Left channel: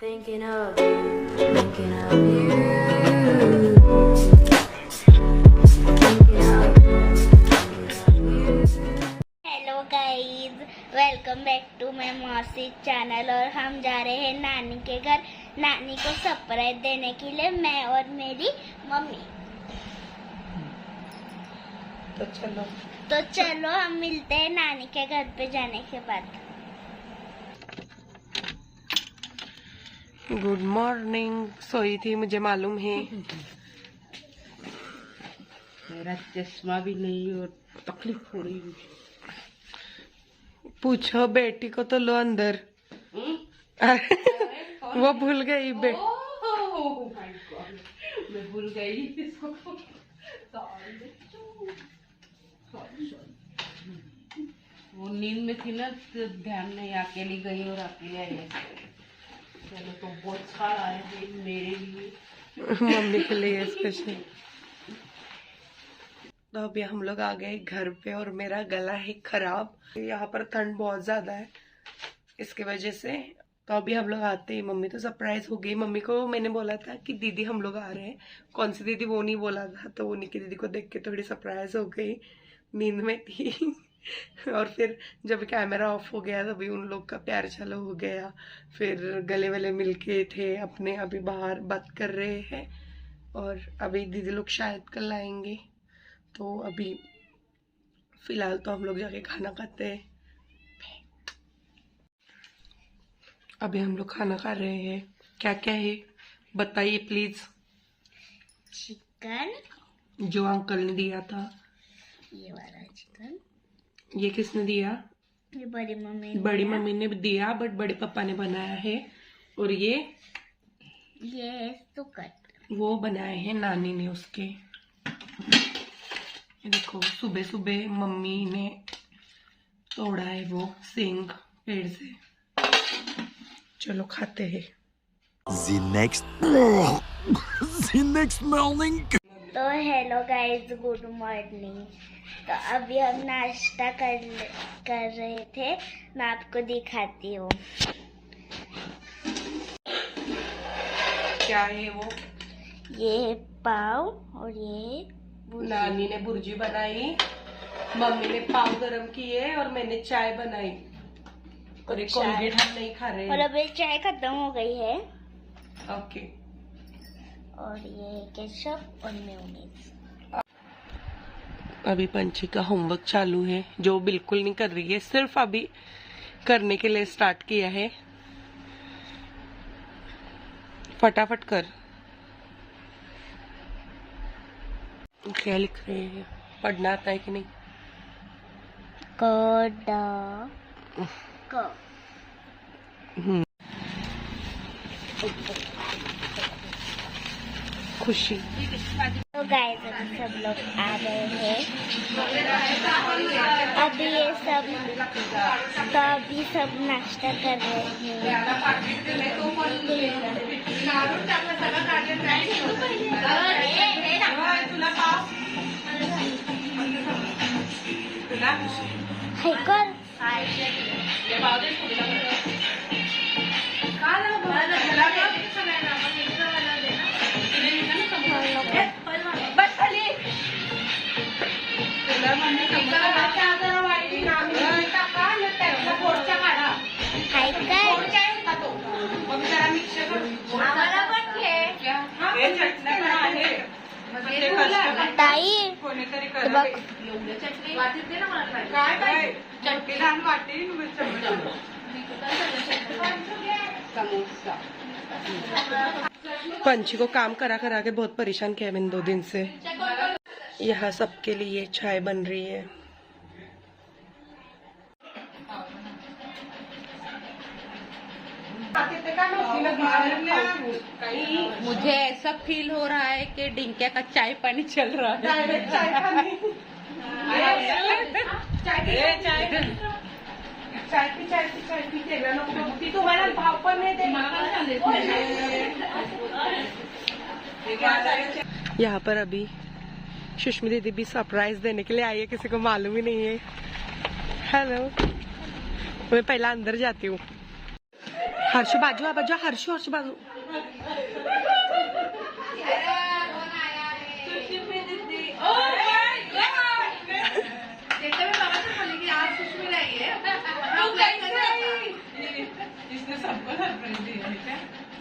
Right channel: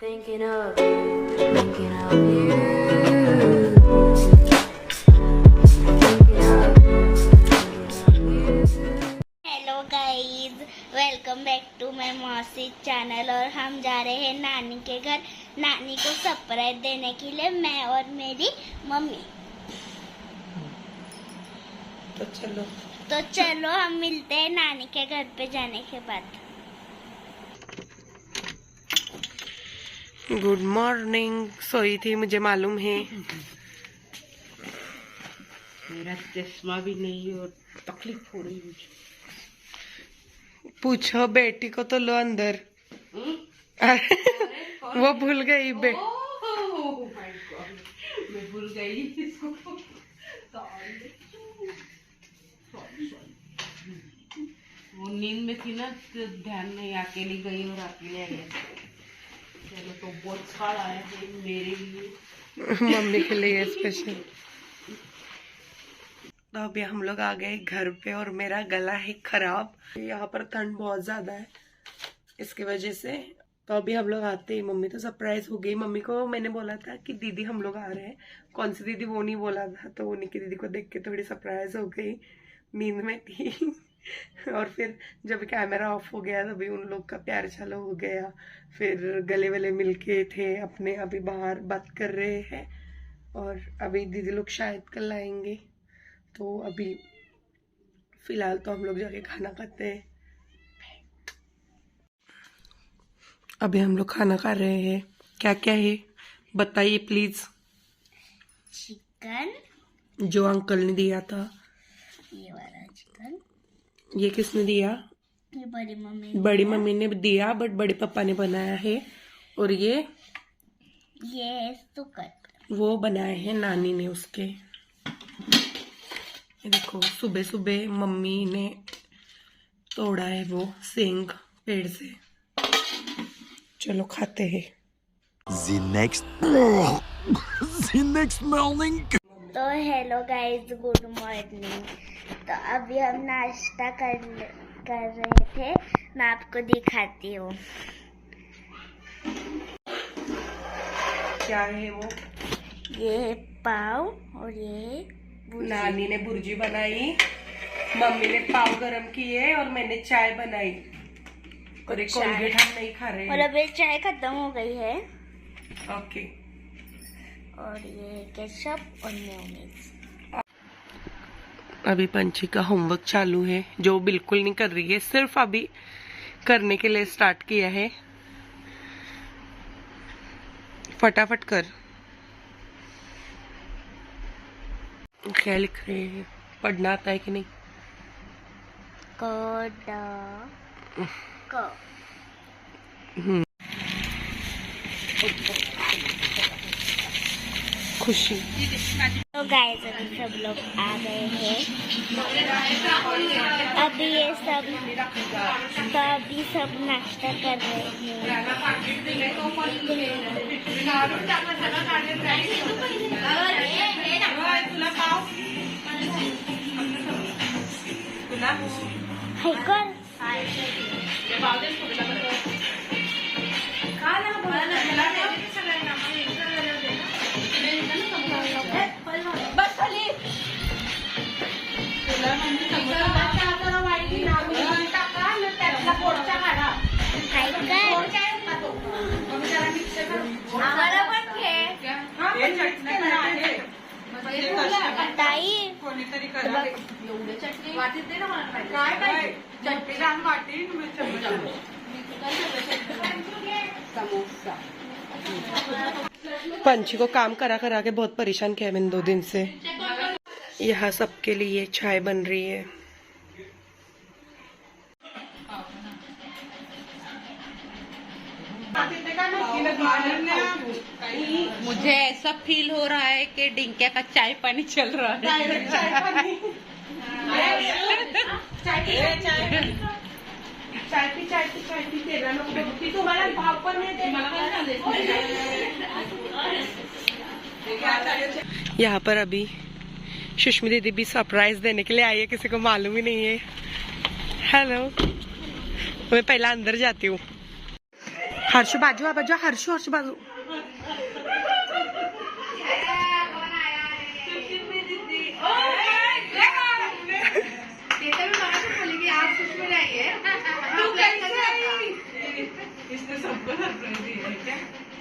Thinking of you, thinking of you. Thinking of you. Hello guys, welcome back to my mausi channel. और हम जा रहे हैं नानी के घर, नानी को सरप्राइज देने के लिए, मैं और मेरी मम्मी। तो चलो हम मिलते हैं नानी के घर पे जाने के बाद। Good morning. सोई थी, मुझे मालूम है। मेरा चश्मा भी नहीं और तकलीफ हो रही है। पूछो बेटी को तो लो अंदर। वो भूल गई ओह माय गॉड, मैं भूल गई इसको। वो नींद में थी ना, तो ध्यान में अकेली गई और अकेले आई। चलो तो बहुत सारा है मेरे लिए, मम्मी के लिए स्पेशल। तो अभी हम लोग आ गए घर पे और मेरा गला है खराब। यहाँ पर ठंड बहुत ज्यादा है, इसकी वजह से। तो अभी हम लोग आते ही मम्मी तो सरप्राइज हो गई। मम्मी को मैंने बोला था कि दीदी हम लोग आ रहे हैं। कौन सी दीदी वो नहीं बोला था, तो वो निकी दीदी को देख के थोड़ी सरप्राइज हो गई। नींद में थी और फिर जब कैमरा ऑफ हो गया तभी उन लोग का प्यार चालू हो गया। फिर गले वले मिलके थे अपने, अभी बाहर बात कर रहे हैं। और अभी दीदी लोग शायद कल आएंगे। तो अभी फिलहाल तो हम लोग जाके खाना खाते हैं। अभी हम लोग खाना खा रहे हैं। क्या क्या है बताइए प्लीज। चिकन, जो अंकल ने दिया था। ये वाला चिकन, ये किसने दिया? ये बड़ी मम्मी बड़ी मम्मी ने दिया, बट बड़े पापा ने बनाया है। और ये सुकट वो बनाए हैं नानी ने उसके। ये देखो, सुबह सुबह मम्मी ने तोड़ा है वो सींग पेड़ से। चलो खाते हैं। The next morning. तो हेलो गाइस, गुड मॉर्निंग। तो अभी हम नाश्ता कर रहे थे, मैं आपको दिखाती हूँ। क्या है वो? ये है पाव और ये नानी ने भुर्जी बनाई, मम्मी ने पाव गरम किए और मैंने चाय बनाई। और एक कोलगेट हम नहीं खा रहे और हैं। अभी चाय खत्म हो गई है। ओके। और ये केचप और मेयोनीज। अभी पंछी का होमवर्क चालू है, जो बिल्कुल नहीं कर रही है, सिर्फ अभी करने के लिए स्टार्ट किया है। फटाफट कर। क्या लिख रहे हैं? पढ़ना आता है कि नहीं? खुशी। तो गाइस अभी सब लोग आ गए हैं। अभी ये सब नाश्ता कर रहे हैं। हाय कर। ताई बघ, समोसा। पंछी को काम करा करा के बहुत परेशान किया मैंने 2 दिन से। यहाँ सबके लिए चाय बन रही है। मुझे ऐसा फील हो रहा है कि डिंकिया का चाय पानी चल रहा है। यहाँ पर अभी सुष्मी दीदी भी सरप्राइज देने के लिए आई है, किसी को मालूम ही नहीं है। हेलो, मैं पहला अंदर जाती हूँ। हर्ष बाजू हर्ष बाजू.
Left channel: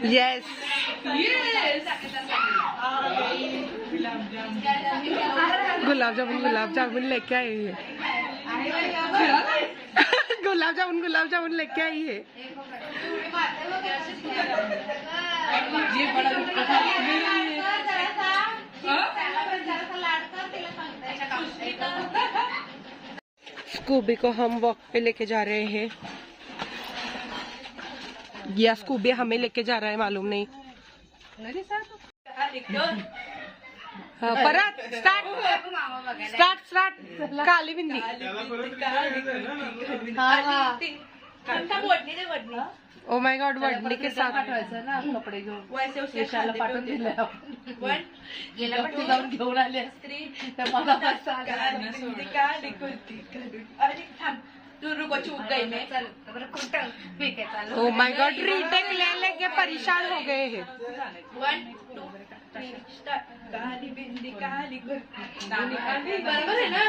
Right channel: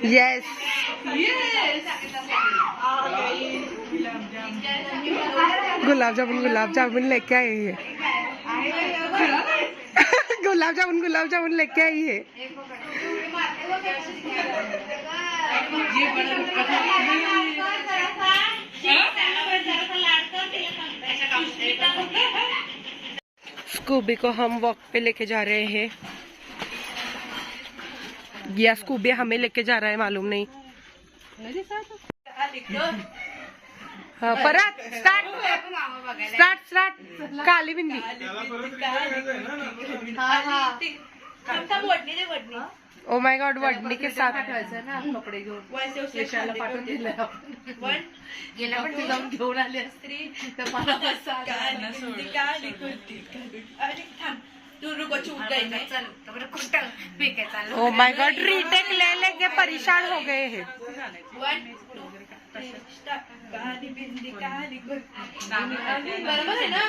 यस गुलाब जामुन लेके आए हैं. गुलाब जामुन लेके आई है. स्कूबी को हम वॉक पे लेके जा रहे हैं या स्कूबी हमें लेके जा रहा है मालूम नहीं. हाँ, परत स्टार्ट काली बिंदी. ओ माय गॉड वडनी के साथ ना कपडे घेऊन यशाला पाठवून दिलं. गेल्या पण जाऊन घेऊन आली असती तर मला ओ माय गॉड रीटेक ले लेके परेशान हो गए हैं. बरोबर आहे ना.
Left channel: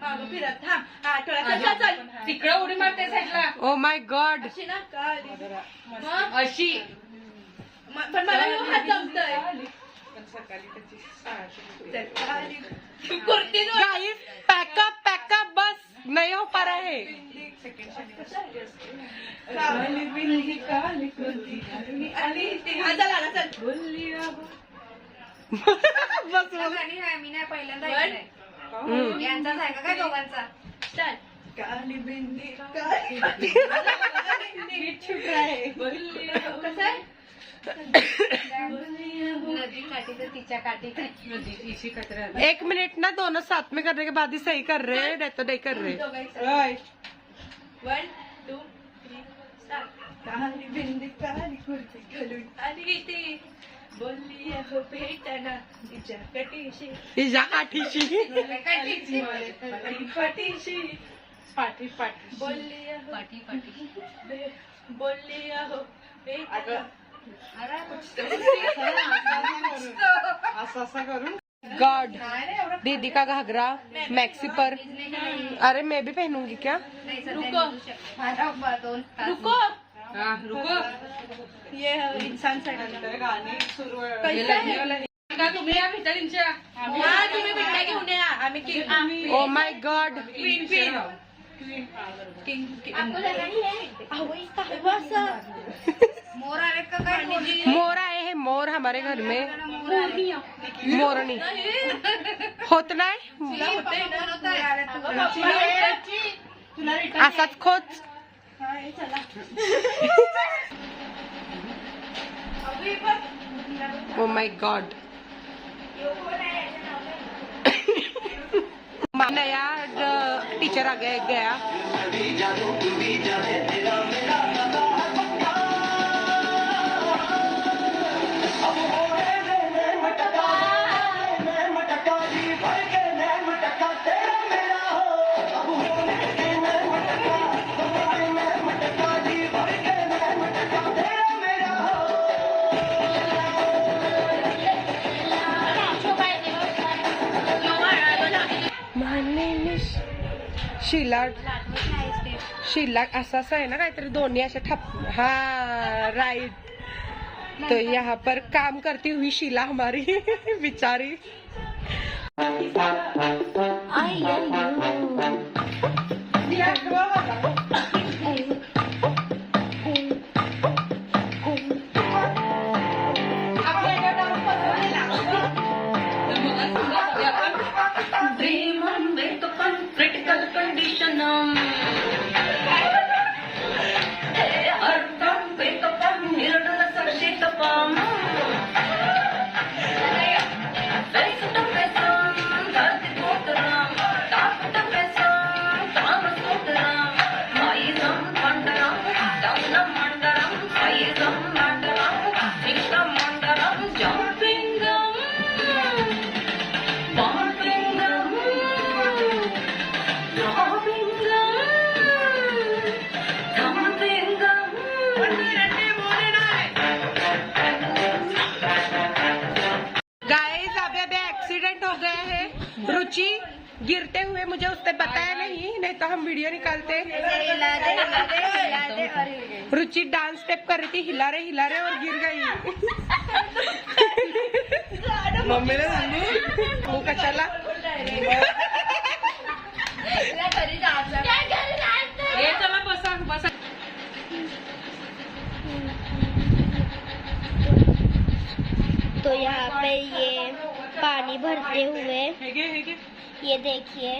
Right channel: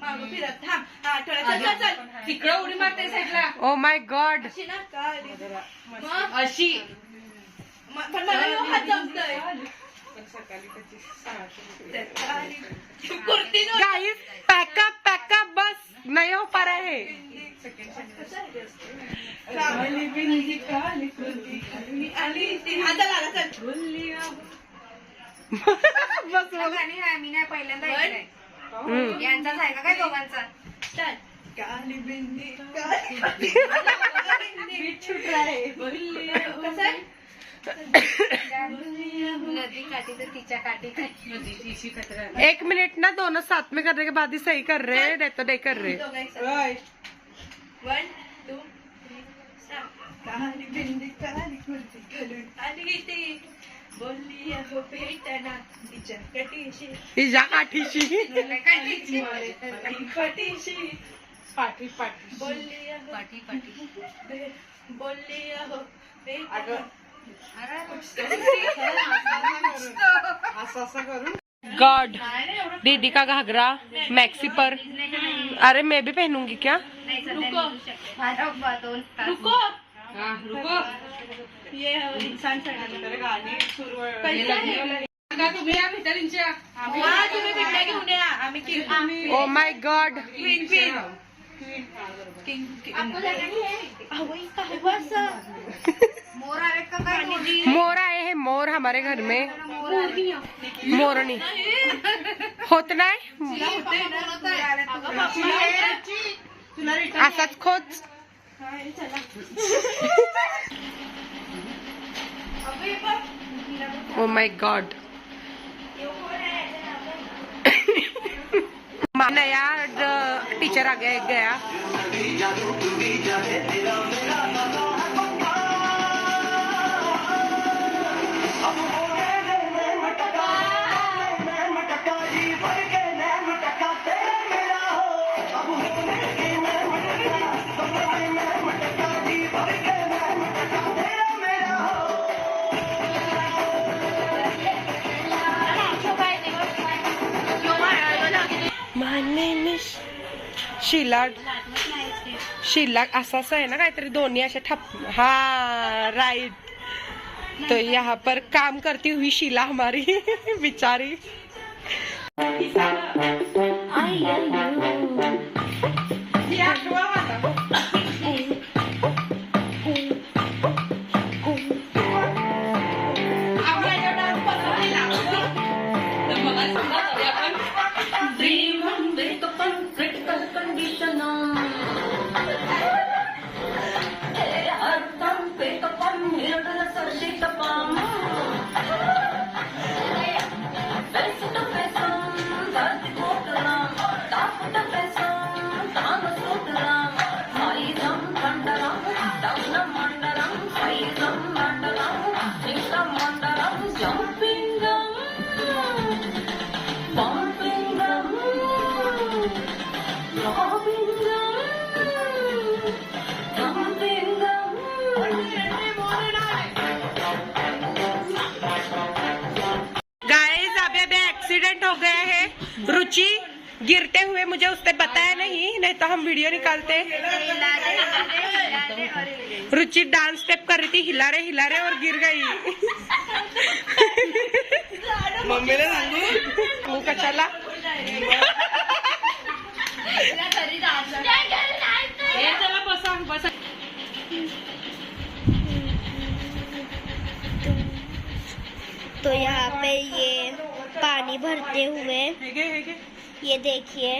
मागं फिरत थांब. चल तिकडे उडी मारते साईडला ओ माय गॉड अशी ना काली. अशी. पण मला हात जमतोय. कुर्ती गाइस पैकअप बस नहीं हो पा रहा है. बस मी नाही पहिल्यांदा यांचाच आहे का काय दोघांचा. काली बिंदी नदी काठी तर तिच्या काठी. एक मिनट ना दोनों साथ में करने के बाद ही सही कर रहे हैं नहीं तो नहीं कर रहे. 1 2 3 स्टार्ट. काली बिंदी काली कुर्ती घालून आली ती बोलली अहो भेटना तिच्या कटीशी हिजा काठीशी पाठीशी पाठी बोलली अहो बोलली अहो भेटना. असं करून गॉड दीदी का घाघरा मैक्सी पर. अरे मैं भी पहनूंगी क्या. रुको रुको ये इंसान चढायला गाणी सुरू तुम्ही या भिटारींच्या. तुम्ही भेटला घेऊन या. आम्ही ओ माय गॉड मोर आए हैं. मोर हमारे घर में मोरनी होत नाही. असाच खोच. ओ माय गॉड नया टीचर आ गया. शीला असं आहे ना काहीतरी दोन्ही अशा ठप. हाँ राइट. तो यहाँ पर काम करती हुई शीला हमारी बेचारी. एक्सीडेंट हो गया है। रुचि गिरते हुए मुझे उसने बताया नहीं तो हम वीडियो निकालते। रुचि डांस स्टेप कर रही थी, हिला रहे और गिर गई। मुंह का चला। चला बसा बसा। तो यहाँ पे ये पानी भरते हुए ये देखिए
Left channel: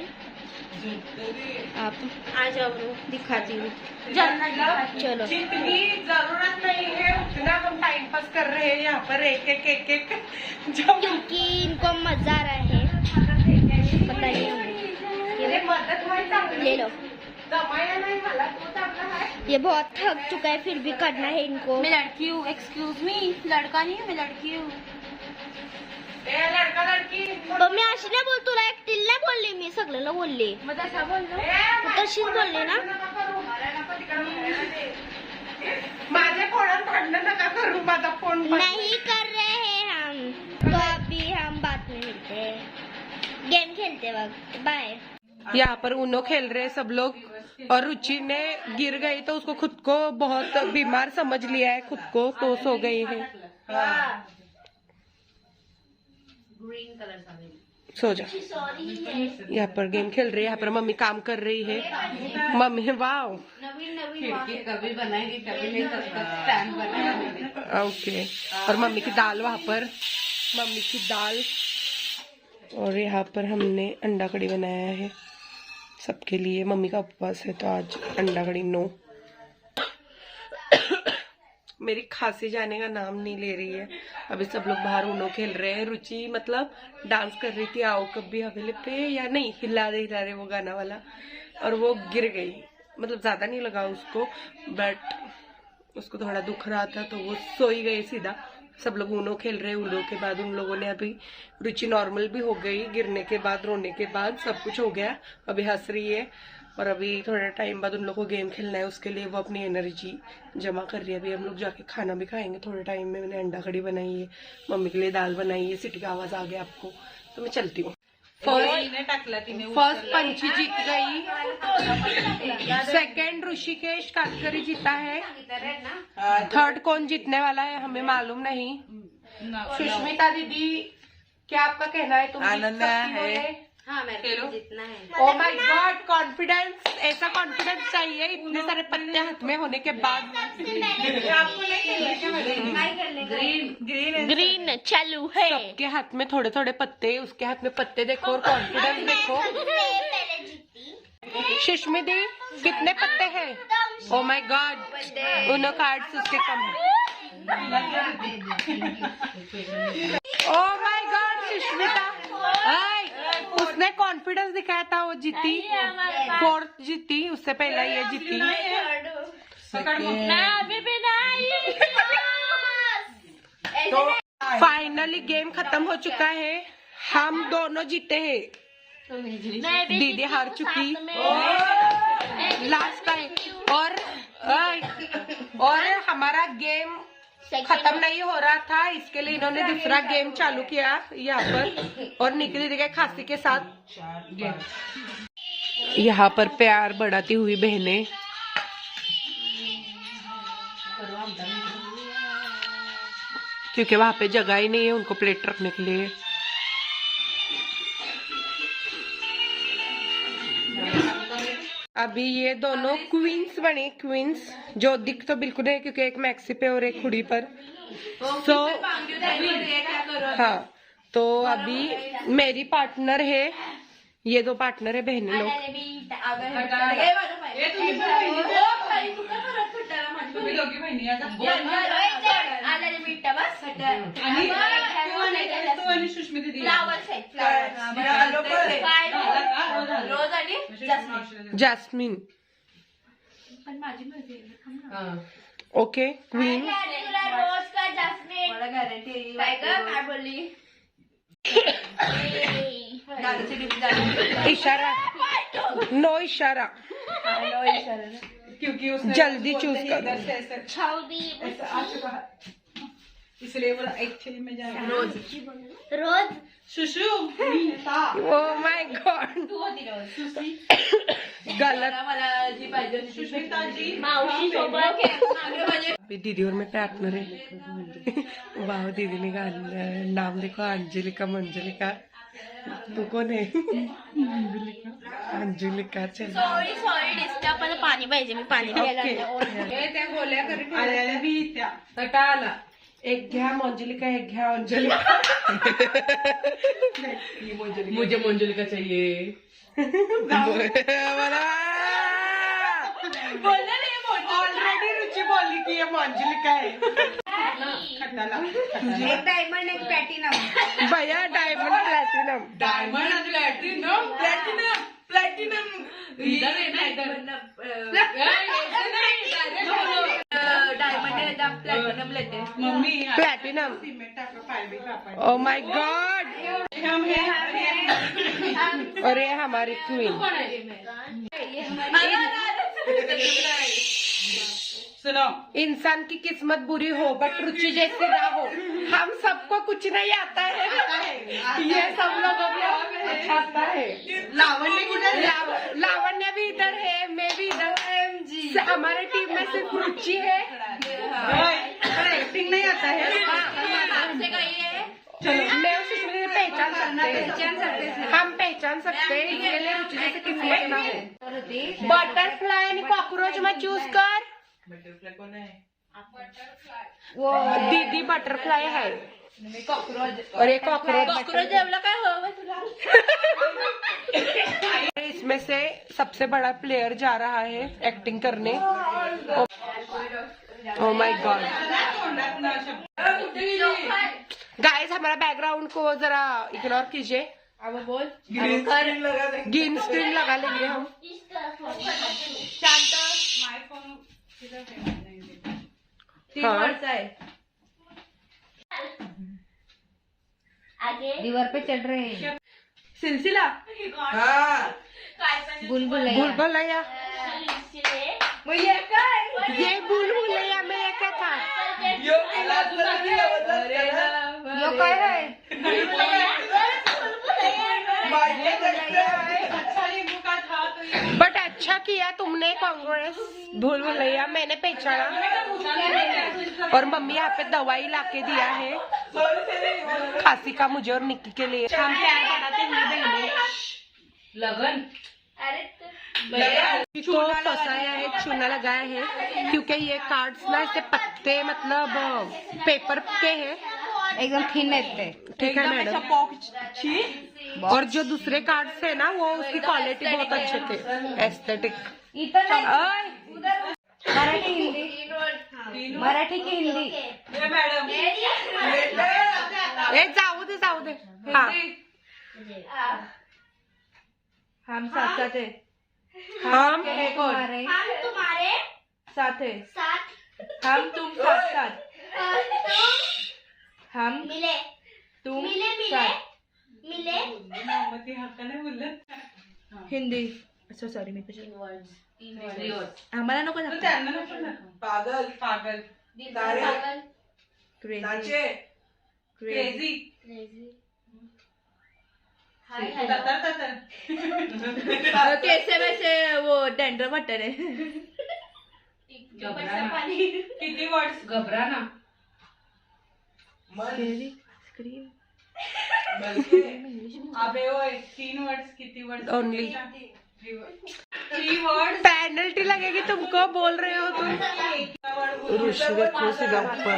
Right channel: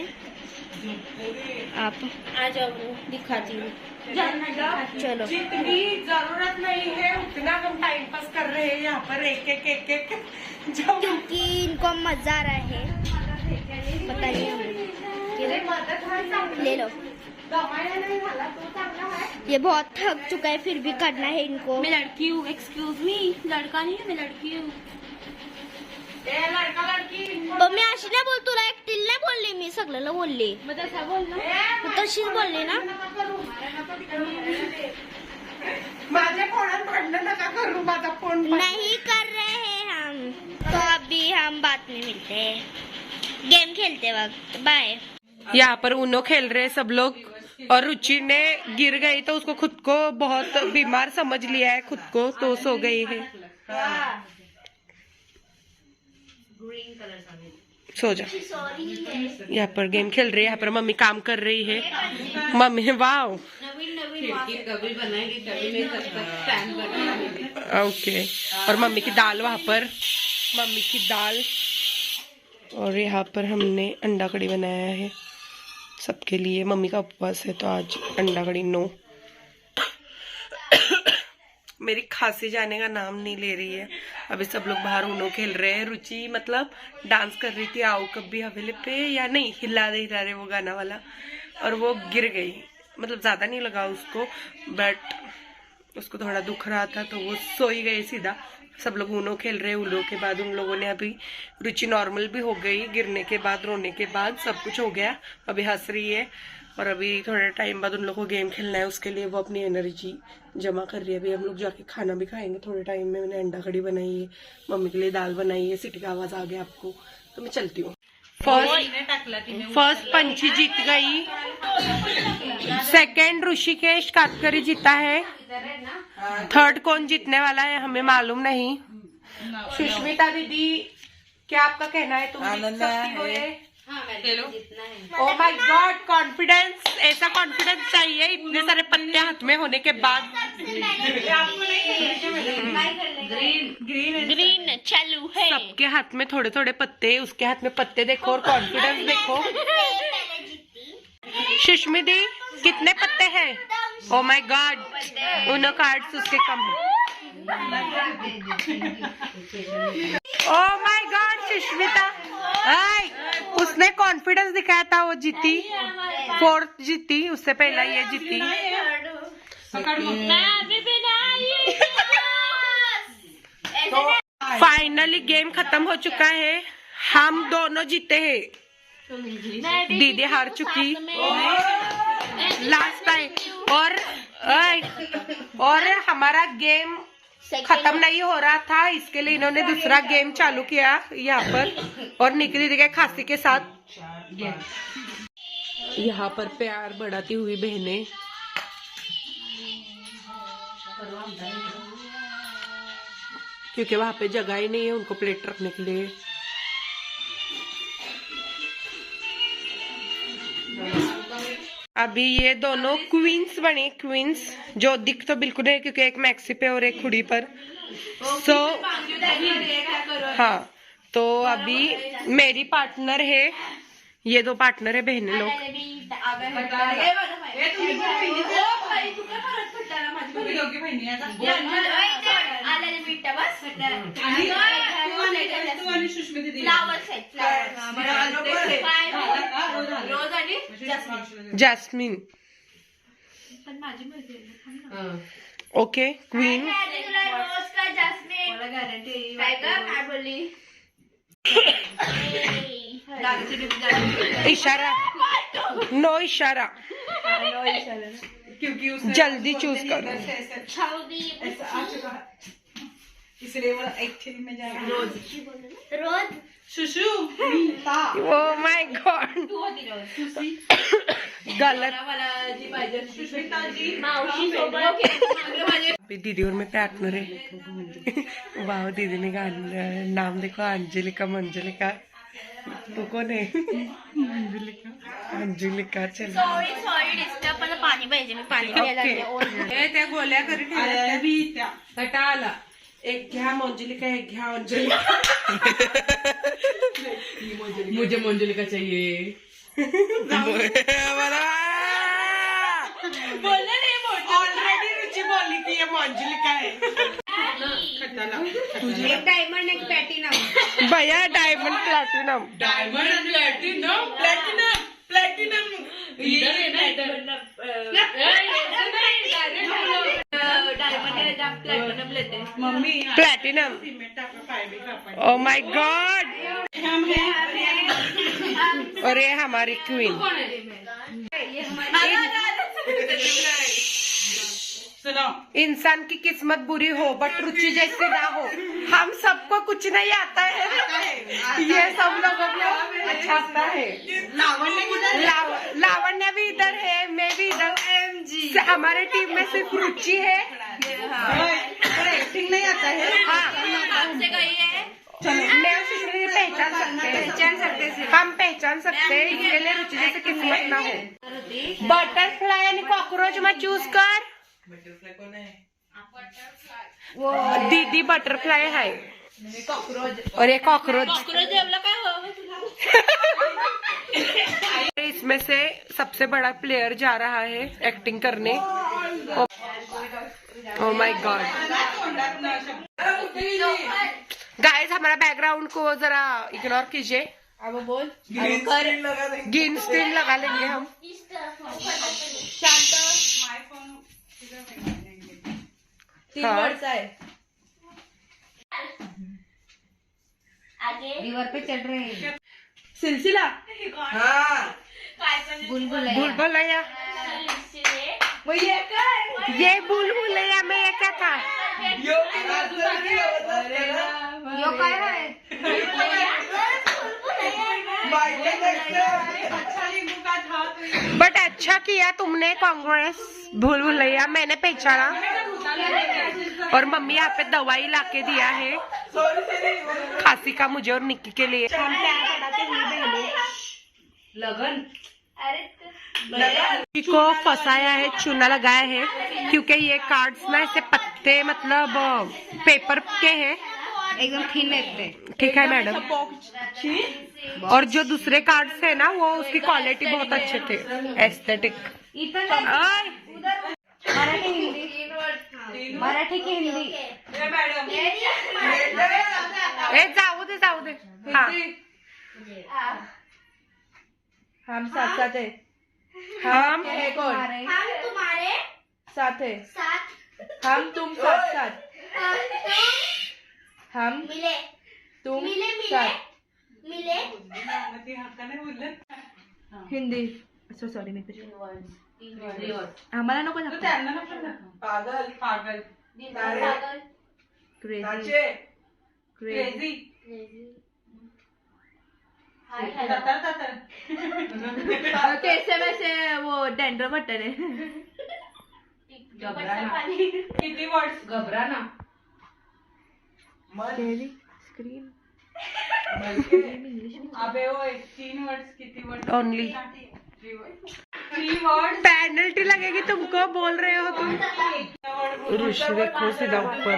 आप। आ जाओ दिखाती हूँ। चलो जितनी जरूरत नहीं है उतना हम टाइम पास कर रहे हैं यहाँ पर एक क्योंकि इनको मजा आ रहा है। बताइए ले लो। ये बहुत थक चुका है फिर भी करना है इनको। मैं लड़की हूँ, एक्सक्यूज मी, लड़का नहीं हूँ, मैं लड़की हूँ। लड़का लड़की मम्मी अशी नाही बोल, तुला एकटीला नाही बोलली मी, सगळ्याला बोलली. तशीच बोलली ना. माझ्या फोनात भांडण नका करू, माझा फोन नहीं कर रहे हैं हम. तो अभी हम बाद में मिलते हैं, गेम खेलते वक्त. बाय. यहाँ पर उनो खेल रहे सब लोग और रुचि ने गिर गई तो उसको खुद को बहुत बीमार समझ लिया है खुद को, तो सो गई है. सो जा. यहाँ पर गेम खेल रही है, यहाँ पर मम्मी काम कर रही है. मम्मी वाओ कभी बनाएगी कभी नहीं टाइम बनाएगी. ओके. और मम्मी की दाल वहाँ पर, मम्मी की दाल. और यहाँ पर हमने अंडा कड़ी बनाया है सबके लिए. मम्मी का उपवास है तो आज अंडा कड़ी नो. मेरी खांसी जाने का नाम नहीं ले रही है. अभी सब लोग बाहर उनो खेल रहे हैं. रुचि मतलब डांस कर रही थी आओ कभी हवेली पे, या नहीं हिला रहे वो गाना वाला, और वो गिर गई. मतलब ज्यादा नहीं लगा उसको, बट उसको थोड़ा दुख रहा था तो वो सोई गई सीधा. सब लोग उनो खेल रहे. उनो के बाद उन लोगों ने अभी, रुचि नॉर्मल भी हो गई गिरने के बाद, रोने के बाद सब कुछ हो गया. अभी हंस रही है. और अभी थोड़े टाइम बाद उन लोगों को गेम खेलना है, उसके लिए वो अपनी एनर्जी जमा कर रही है. अभी हम लोग जाके खाना भी खाएंगे थोड़े टाइम में. मैंने अंडा कड़ी बनाई है, मम्मी के लिए दाल बनाई है. सीटी का आवाज आ गया आपको तो मैं चलती हूँ. फर्स्ट पंछी जीत गई. सेकंड ऋषिकेश कातकरी जीता है. थर्ड कौन जीतने वाला है हमें मालूम नहीं. सुष्मिता दीदी क्या आपका कहना है? तुम आनंद है. Oh my God, confidence. ऐसा कॉन्फिडेंस चाहिए इतने सारे पत्ते हाथ में होने के बाद. ग्रीन चालू है. सबके हाथ में थोड़े थोड़े पत्ते, उसके हाथ में पत्ते देखो और कॉन्फिडेंस देखो. सुष्मी दी कितने पत्ते हैं? ओह माय गॉड, उनो कार्ड्स उसके कम है. ओह माय गॉड सुष्मिता, उसने कॉन्फिडेंस दिखाया था, वो जीती. फोर्थ जीती, उससे पहला ये जीती. फाइनली गेम खत्म हो चुका है. हम दोनों जीते हैं. दीदी हार चुकी लास्ट टाइम. और हमारा गेम खत्म नहीं हो रहा था, इसके लिए इन्होंने दूसरा गेम चालू किया यहाँ पर. और निकी दीदी के खांसी के साथ यहाँ पर प्यार बढ़ाती हुई बहनें. क्योंकि वहां पे जगह ही नहीं है उनको प्लेट रखने के लिए. अभी ये दोनों क्वींस बने. क्वींस जो दिख तो बिल्कुल नहीं, क्योंकि एक मैक्सी पे और एक खुड़ी पर. हाँ, तो अभी मेरी पार्टनर है, ये दो पार्टनर है बहनें लोग. जैस्मिन. Okay queen. इशारा, नो इशारा, क्योंकि जल्दी चूज करो. इसलिए वो एक्चुअली में जा रोज रोज शुशू ओ माय गॉड गलत दीदी और मैं पार्टनर है। वाह दीदी ने नाम देखो, अंजलिका मंजलिका। तू कौन है? अंजलिका। चल सॉरी डिस्टर्ब, मला पाणी पाहिजे, मी पाणी प्यायला ओके त्या गोल्या कटा आला एक घ्या मंजलिका, एक घ्या अंजलिका। मुझे मंजुलिका चाहिए। ऑलरेडी रुचि बोली कि ये मंजलिका है। एक डायमंड एक प्लॅटिनम। भैया diamond platinum. Diamond platinum platinum platinum mummy platinum. O my God. और ये हमारी क्वीन। इंसान की किस्मत बुरी हो बट रुचि जैसी ना हो। हम सबको कुछ नहीं आता है, ये सब लोगों को अच्छा आता है। लावण्य भी इधर है, मैं भी इधर। हमारे टीम में सिर्फ रुचि है। एक्टिंग नहीं आता है। हाँ मैं और सुष्मिता पहचान सकते हैं, हम पहचान सकते हैं। इसके लिए रुचि जैसे किस्मत ना हो। बटरफ्लाई आणि कॉकरोच में चूज कर। वो दीदी बटरफ्लाई है और ये कॉकरोच। इसमें से सबसे बड़ा प्लेयर जा रहा है एक्टिंग करने। ओ माय गॉड गाइस, हमारा बैकग्राउंड को जरा इग्नोर कीजिए। ग्रीन स्क्रीन लगा लेंगे हम। हाँ रिवर पे चढ़ रहे हैं। सिलसिला बुलबुलैया। ये बुलबुलैया में ये क्या था? यो काय है? बट अच्छा किया तुमने, कांग्रेस। भूलभुलैया मैंने पहचाना और मम्मी यहाँ पे दवाई लाके दिया है खांसी का, मुझे और निक्की के लिए। हम प्यार बढ़ाते हुए लगन को फंसाया है, चूना लगाया है क्योंकि ये कार्ड्स ना ऐसे पत्ते मतलब पेपर के हैं, एकदम थिन है। ठीक है मैडम। और जो दूसरे कार्ड्स है ना वो उसकी क्वालिटी बहुत अच्छे थे, एस्थेटिक। मराठी हिंदी, मराठी की हिंदी। जाऊ दे। हाँ हम साथ साथ है। हम तुम्हारे तुम्हारे साथ है। साथ हम तुम साथ साथ। हम मिले तुम मिले साथ। हिंदी अच्छा सॉरी मी कुछ आम्हाला नको पागल पागल क्रेजी क्रेजी कैसे वैसे वो डैंड्रफ हटने किती वर्ड्स घबराना स्क्रीन अबे ओए 3 वर्ड्स किती वर्ड्स ओनली 3 वर्ड्स पेनल्टी लगेगी तुमको, बोल रहे हो तुम। ऋषि देखो सीधा ऊपर।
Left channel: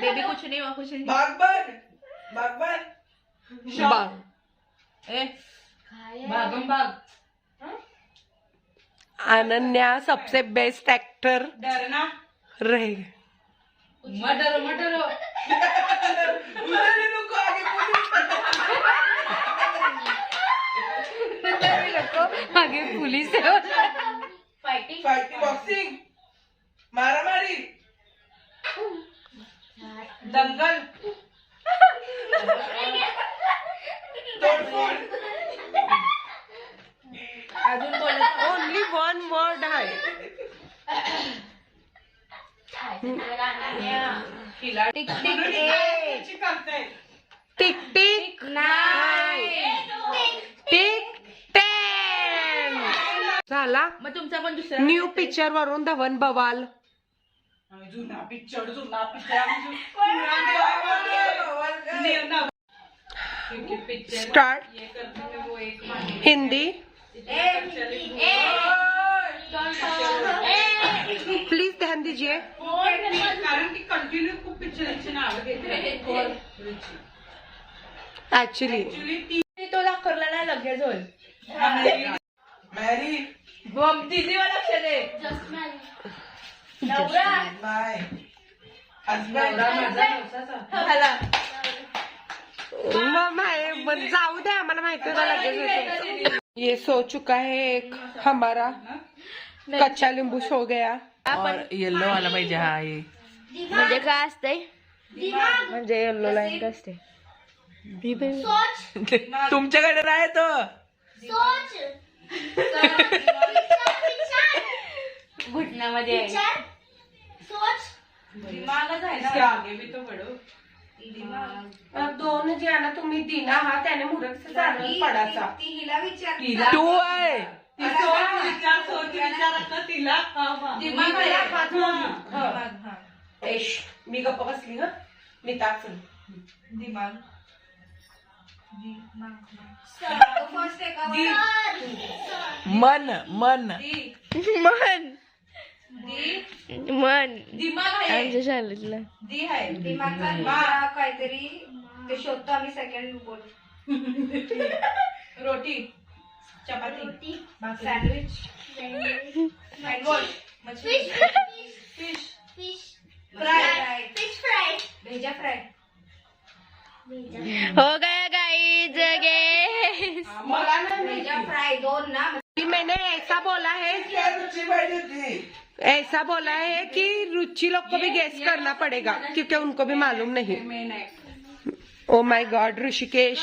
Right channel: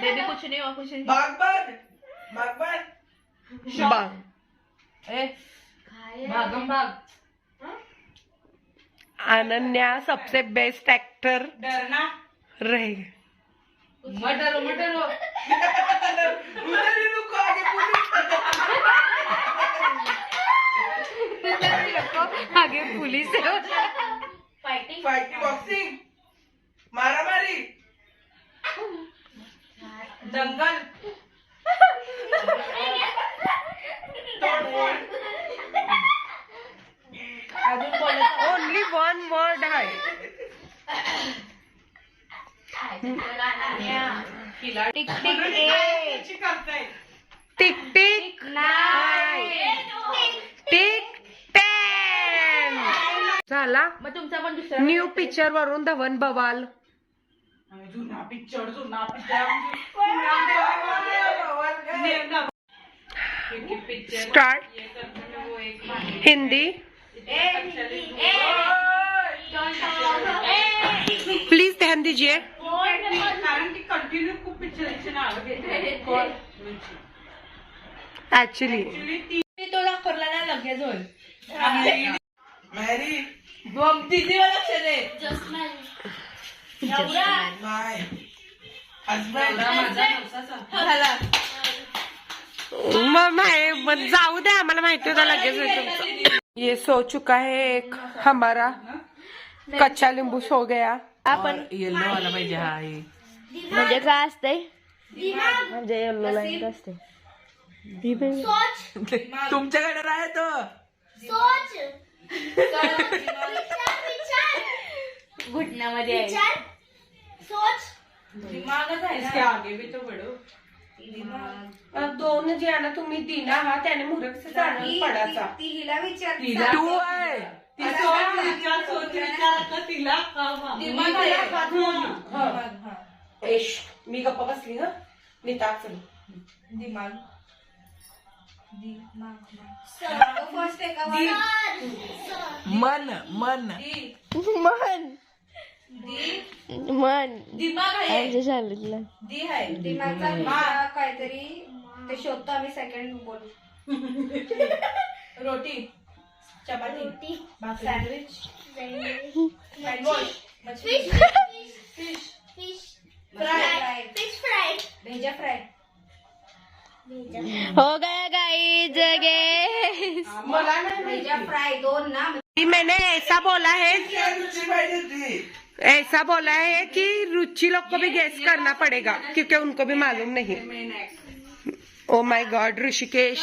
बेबी कुछ नहीं हुआ, कुछ नहीं। भागम भाग। अनन्या सबसे बेस्ट एक्टर डरना रहे। मटरो मटरो आगे पुलिस है। फाइटिंग बॉक्सिंग मारामारी दंगल तोडफोड अजून बोलायचं ओनली वन वर्ड है। टिक टिक ए टिक टिक नाही टिक टेन झाला. मग तुमचा पण दुसरा न्यू पिक्चर वरून धवन बवाल. जुना पिक्चर स्टार्ट. हिंदी प्लीज ध्यान दीजिए. कारण की कंटिन्यू खूप पिक्चरांची नावं घेते. ऍक्च्युली तो लागला ना लगेच होईल. बॉम्ब तिथे लक्ष दे. मग जाऊ दे, आम्हाला माहिती होता लगेच होतं. ये सो चुका है एक हमारा कच्चा लिंबू सो गया. येल्लो वाला पाहिजे. हा हे म्हणजे काय असतंय? म्हणजे येल्लो लाईन असते. सोच तुमच्याकडे राहे तो सोच घुटण्यामध्ये विचार सोच दिमागच आहे इसके आगे भी तो बढ़ो. दोन जे आहे ना तुम्ही दिना हा त्याने मुरक पडायचा. तू आहे सोच विचारायचं तिला मी गप्पा बसली ह नीता चल. मन मन मन मन दिमाग आमच्या शाळेतलं काहीतरी ते शोधतो आम्ही. सेकंड बोल. रोटी चपाती sandwich fish fish fish fry fish fry भेजा फ्राय. हो गया गाइस गेस. मला नाही भेजा माहिती. फ्राय 2 ना. मैंने ऐसा बोला है कि रुचि लोग को भी गेस करना पड़ेगा क्योंकि उनको भी मालूम नहीं. ओ माय गॉड ऋषिकेश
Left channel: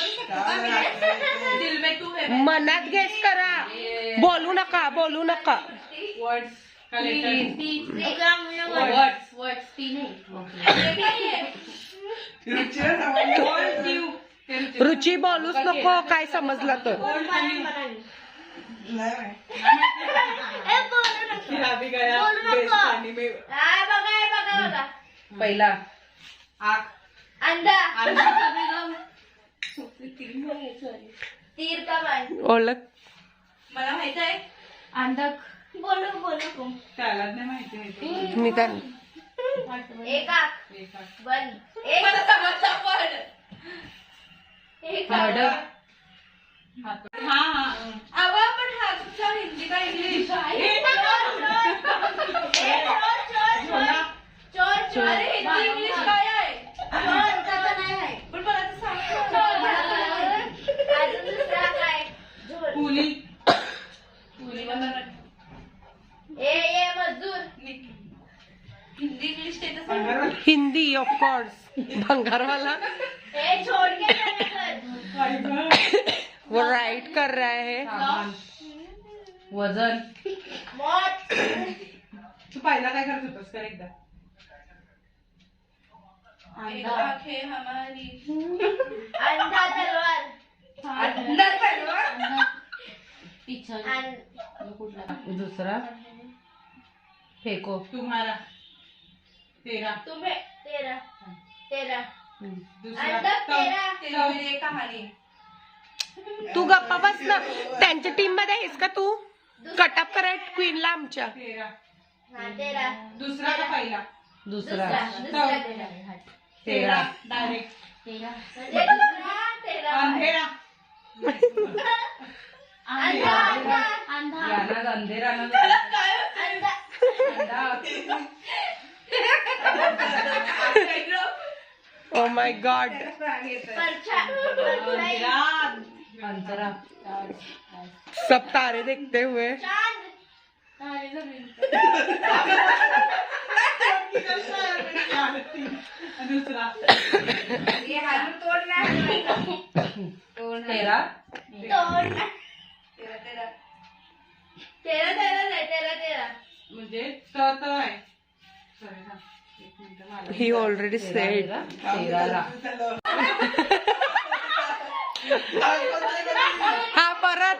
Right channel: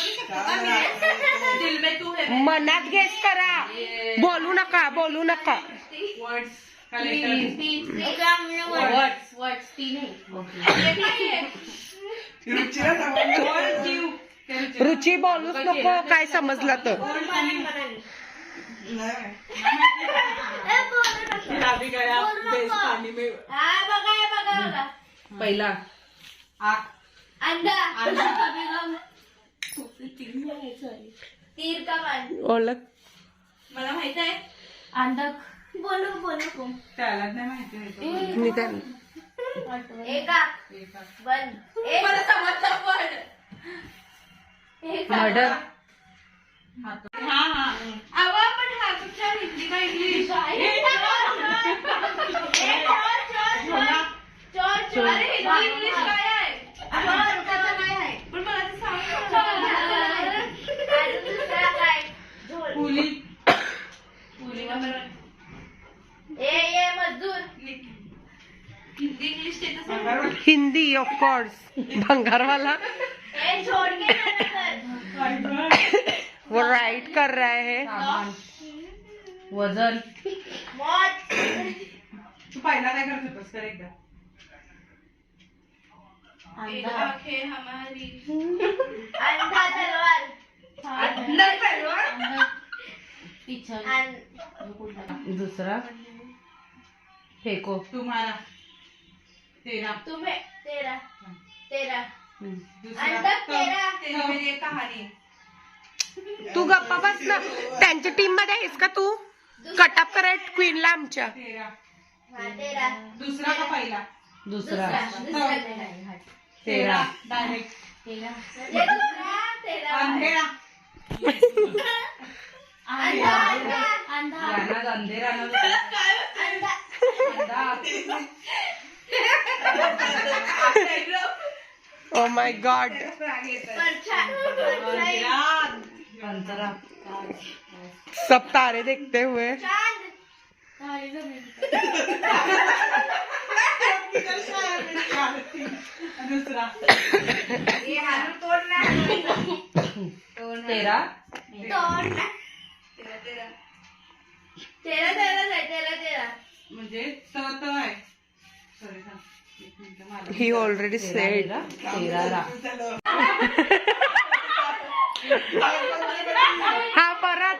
दिल में तू है. मनात गेस करा. बोलू नका वर्ड्स वर्ड्स तीन रुची बोलूच नको काय समजला तर. पहिला अंडा तीर कमान ओळख मला माहित आहे. अंडक बोलू त्याला नाही माहिती. मी काय एका वन मला समजलं पण. मर्डर. हा अगं पण हा तुमच्या हिंदी का इंग्लिश चोर अरे हिंदी इंग्लिश काय आहे. पण मला ते दुसरा काय पुली ये मजदूर हिंदी इंग्लिश ते तसं. हिंदी ऑफ कोर्स भंगारवाला ए छोड़ के वो राइट कर रहा है. वजन. मौत तू पहिला काय करत होतास कर एकदा. आंखें हमारी अंधा तलवार अंदर तलवार. दुसरा फेको. तुम्हारा तेरा. तुम्हें तेरा तेरा दुसरा अंडा तेरा तेरी मेरी कहानी. तू गप्पा बस ना. त्यांच्या टीम मध्ये आहेस का तू? कटअप कराय क्वीनला आमच्या. तेरा. हाँ तेरा दुसरा का पहिला. दुसरा दूसरा तेरा तेरा डायरेक्ट. तेरा तेरा अंधेरा. अंधा अंधा अंधा याना अंधेरा ना. ओ माय गॉड. अंतरा. सब तारे देखते हुए. दुसरा ये हालू तोड़ना है. तेरा. तेरा तेरा तेरा तेरा तेरा म्हणजे त आहे. सॉरी सांग. ही ऑलरेडी सेड. हा परत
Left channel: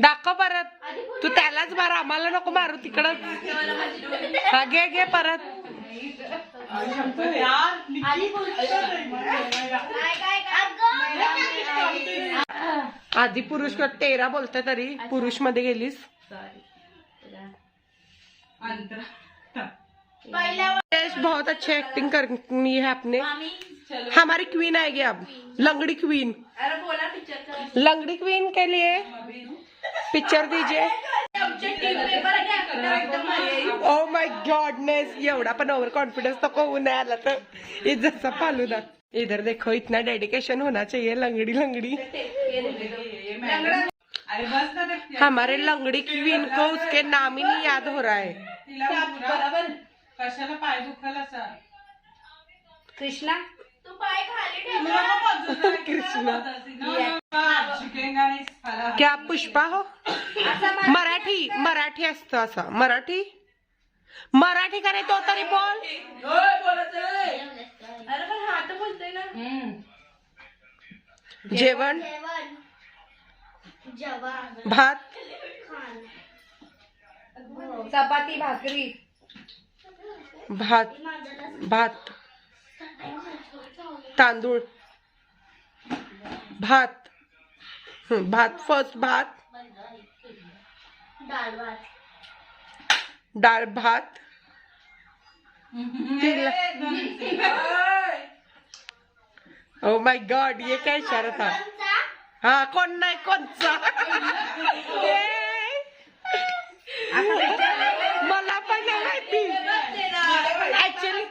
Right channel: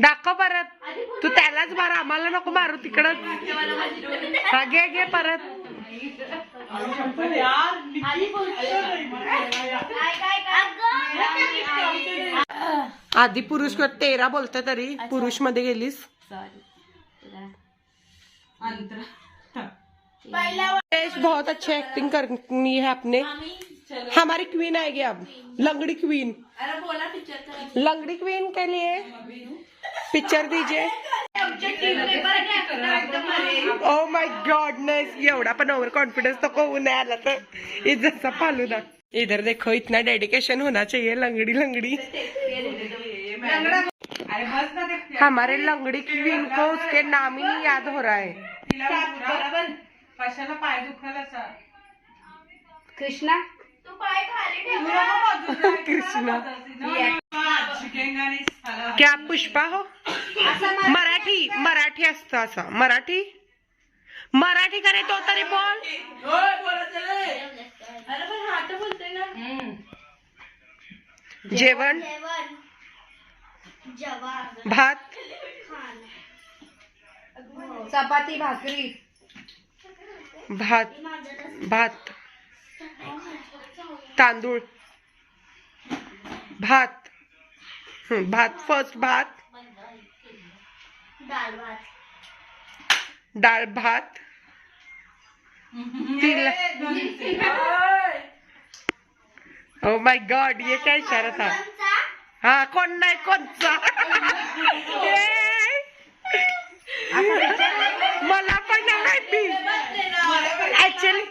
दाखव परत. तू त्यालाच मार, आम्हाला नको मारू तिकडच. हा घे घे परत. आधी पुरुष 13 बोलते तरी पुरुष मध्ये गेलीस. बहुत अच्छी एक्टिंग करनी है आपने. हमारी क्वीन आएगी अब, लंगड़ी क्वीन. लंगड़ी क्वीन के लिए पिक्चर दीजिए. ओ माय गॉडनेस, एवढा पण ओव्हर कॉन्फिडेंस तो को नहीं आला तर इज्जत सा फालूदा. इधर देखो, इतना डेडिकेशन होना चाहिए. लंगड़ी लंगड़ी. हमारे लंगड़ी क्वीन को उसके नाम ही नहीं याद हो रहा है. कशाला पाय दुखायला कृष्णा कृष्णा क्या पुष्पा हो. मराठी मराठी असतं असं. मराठी मराठी करे तो तरी बोल. जेवण भात चपाती भाकरी भात भात तांदूळ भात. भात फर्स्ट भात. डाळ भात. ओ माय गॉड, ये क्या इशारा था. हाँ कौन नाही कोणचा. मला पण नाही माहिती ऍक्च्युली.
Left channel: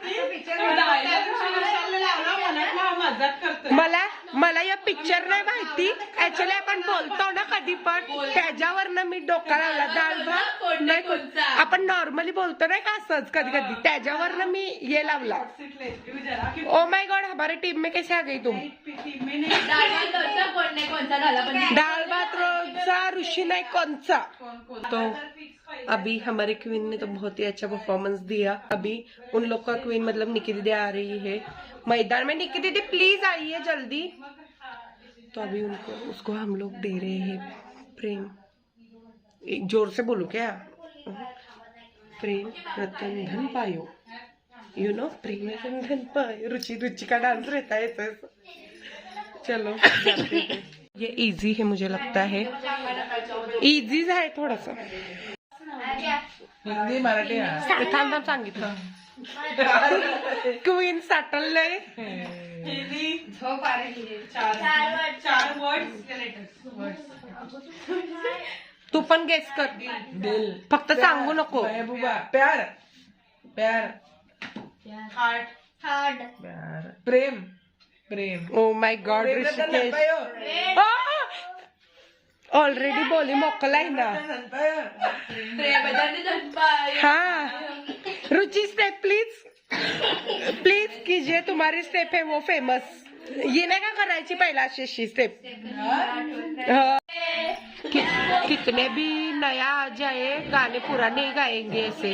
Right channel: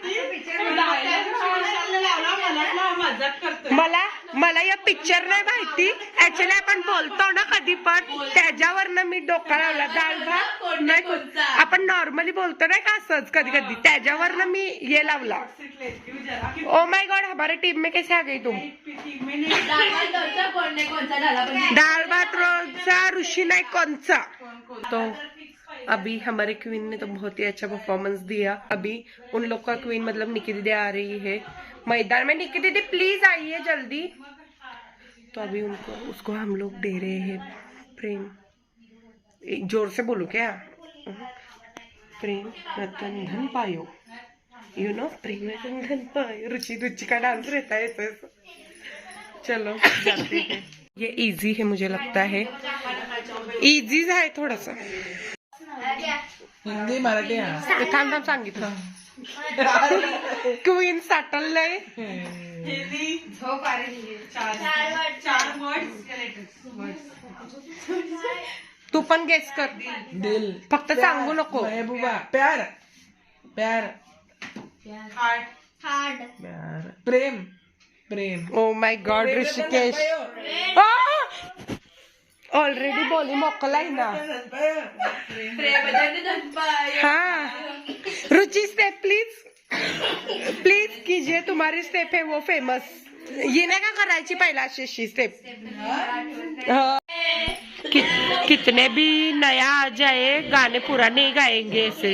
मला या पिक्चर नाही माहिती ऍक्च्युली. आपण बोलतो ना कधी पण त्याच्यावरनं मी डोका लावला. डाळ भात नाही, आपण नॉर्मली बोलतो नाही का असंच कधी कधी, त्याच्यावरनं मी ये लावला. ओ माय गॉड, हमारे टीम में कैसे आ गई तुम. डाळ भात रोजचा ऋषी नाही कोणचा. तो अभी हमारे क्वीन ने तो बहुत ही अच्छा परफॉर्मेंस दिया. अभी उन लोग का क्वीन मतलब निकी दीदी आ रही है मैदान में. निकी दीदी प्लीज आइए जल्दी. तो अभी उसको हम लोग दे रहे हैं प्रेम. जोर से बोलो क्या. प्रेम रतन धन पायो. यू नो प्रेम रतन धन पायो. रुचि रुचि का डांस रहता है ऐसा. चलो जाते हैं. ये इजी है मुझे लगता है. इजी है थोड़ा सा. हिंदी मराठी थांब थांब सांगितलं. क्वीन साठललंय. तू पण गेस कर. दिल फक्त सांगू नको. महबूबा प्यार प्यार हार्ड प्यार प्रेम प्रेम. Oh my God Rishikesh already बोली मोकलाई ना. हाँ रुचि स्टेप प्लीज प्लीज कीजिए. तुम्हारी स्टेप है वो फेमस. ये नाही का करायची पहिला अशी स्टेप. कितने भी नया आ जाए गाने पूरा नहीं गाएंगे ऐसे.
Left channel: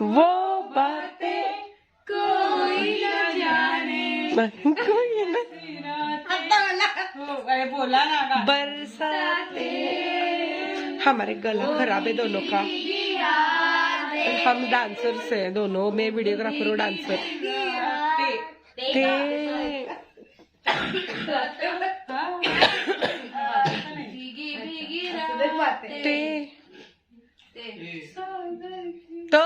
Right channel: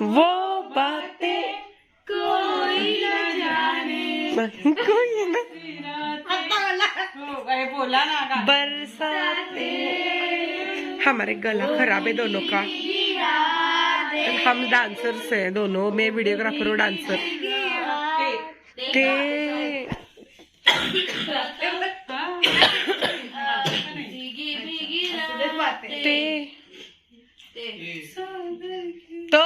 वो बातें कोई न जाने. कोई ना बोला ना बरसाते. हमारे गला खराब है दोनों का. हम डांसर्स हैं दोनों. मैं वीडियोग्राफर और डांसर. तो